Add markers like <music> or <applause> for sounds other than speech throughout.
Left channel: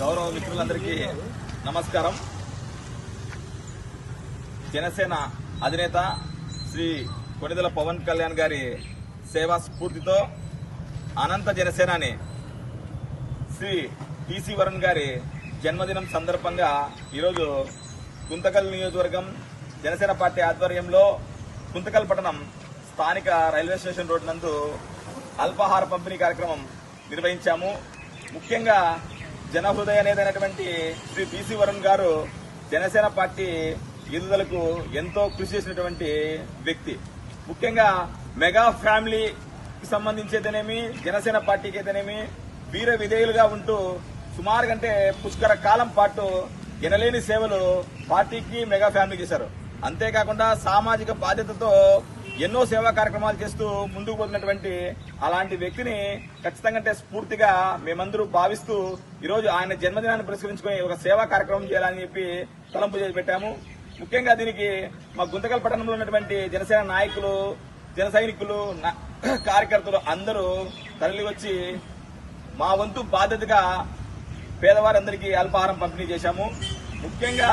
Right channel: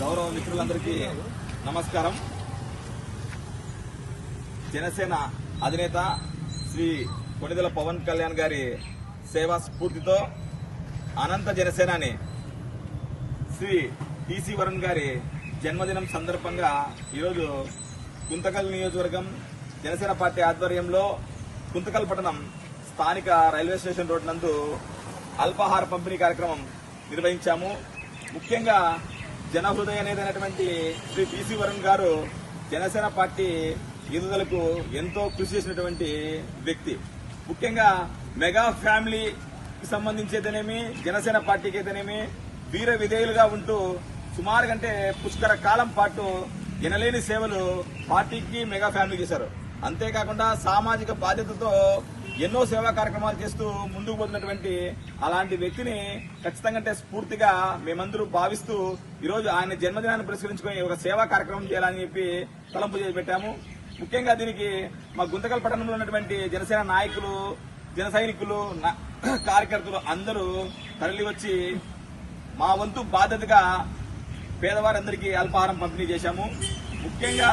గౌరవ మిత్రులందరికీ నమస్కారం. జనసేన అధినేత శ్రీ కొనిదెల పవన్ కళ్యాణ్ గారి సేవా స్ఫూర్తితో అనంత జనసేనాని శ్రీ టీసీ వరుణ్ గారి జన్మదినం సందర్భంగా ఈరోజు గుంతకల్ నియోజకవర్గం జనసేన పార్టీ ఆధ్వర్యంలో గుంతకల్ పట్టణం స్థానిక రైల్వే స్టేషన్ రోడ్ నందు అల్పాహార పంపిణీ కార్యక్రమం నిర్వహించాము. ముఖ్యంగా జనహృదయ నేతైనటువంటి శ్రీ టీసీ వరుణ్ గారు జనసేన పార్టీ ఎదుదలకు ఎంతో కృషి చేసినటువంటి వ్యక్తి. ముఖ్యంగా మెగా ఫ్యామిలీకి సంబంధించి జనసేన పార్టీకి అయితేనేమి వీర విధేయులుగా ఉంటూ సుమారు కంటే పుష్కర కాలం పాటు ఎనలేని సేవలు పార్టీకి మెగా ఫ్యామిలీ చేశారు. అంతేకాకుండా సామాజిక బాధ్యతతో ఎన్నో సేవా కార్యక్రమాలు చేస్తూ ముందుకు పోతున్నటువంటి అలాంటి వ్యక్తిని ఖచ్చితంగా అంటే స్ఫూర్తిగా మేమందరూ భావిస్తూ ఈరోజు ఆయన జన్మదినాన్ని పురస్కరించుకుని ఒక సేవా కార్యక్రమం చేయాలని చెప్పి తలంపు చేసి పెట్టాము. ముఖ్యంగా దీనికి మా గుంతకల్ పట్టణంలో ఉన్నటువంటి జనసేన నాయకులు జన సైనికులు <coughs> కార్యకర్తలు అందరూ తరలి వచ్చి మా వంతు బాధ్యతగా పేదవారందరికీ అల్పాహారం పంపిణీ చేశాము. ముఖ్యంగా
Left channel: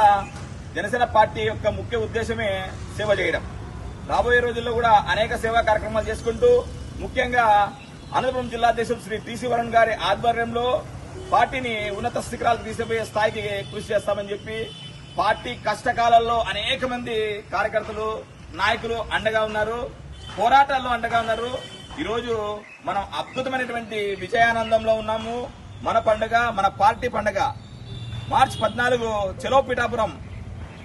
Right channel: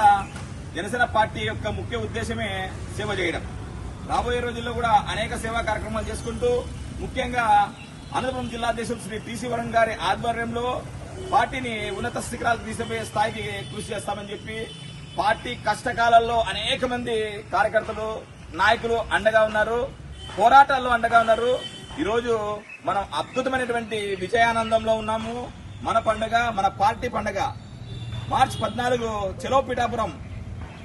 జనసేన పార్టీ యొక్క ముఖ్య ఉద్దేశమే సేవ చేయడం. రాబోయే రోజుల్లో కూడా అనేక సేవా కార్యక్రమాలు చేసుకుంటూ ముఖ్యంగా అనంతపురం జిల్లాధ్యక్షుడు శ్రీ టీసీ వరుణ్ గారి ఆధ్వర్యంలో పార్టీని ఉన్నత శిఖరాలకు తీసుకుపోయే స్థాయికి కృషి చేస్తామని చెప్పి పార్టీ కష్టకాలంలో అనేక మంది కార్యకర్తలు నాయకులు అండగా ఉన్నారు పోరాటాల్లో అండగా ఉన్నారు. ఈరోజు మనం అద్భుతమైనటువంటి విజయానందంలో ఉన్నాము. మన పండుగ మన పార్టీ పండుగ. మార్చి పద్నాలుగు చెలో పిఠాపురం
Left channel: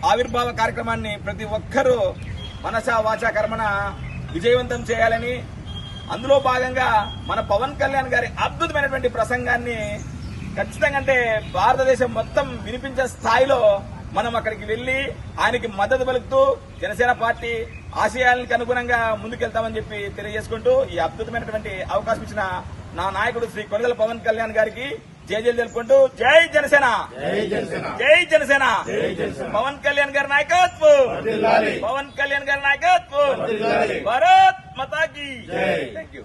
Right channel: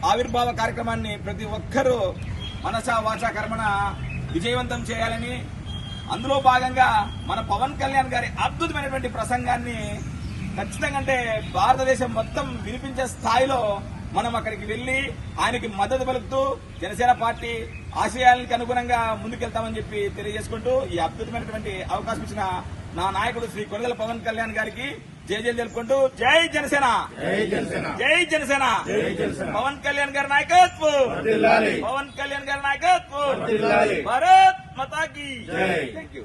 ఆవిర్భావ కార్యక్రమాన్ని ప్రతి ఒక్కరూ మనసా వాచా కర్మన విజయవంతం చేయాలని. అందులో భాగంగా మన పవన్ కళ్యాణ్ గారి అద్భుతమైనటువంటి ప్రసంగాన్ని ఖచ్చితంగా అంటే భారతదేశం మొత్తం వినిపించే స్థాయిలో మనం అక్కడికి వెళ్ళి ఆయనకి మద్దతు పలుకుతూ జనసేన పార్టీ ఆశయాలకు అనుగుణంగా ముందుకెళ్తామని చెప్పి తెలియజేసుకుంటూ ఈ అద్భుతమైనటువంటి అవకాశం ఇచ్చిన నా నాయకుడు శ్రీ కొడదల పవన్ కళ్యాణ్ గారికి జేజీలు తెలుపుకుంటూ జై జనసేన. జై జనసేన. పవన్ కళ్యాణ్ గారి నాయకత్వం. పవన్ కళ్యాణ్ గారి నాయకత్వం. భారత్ మతాకి. Thank you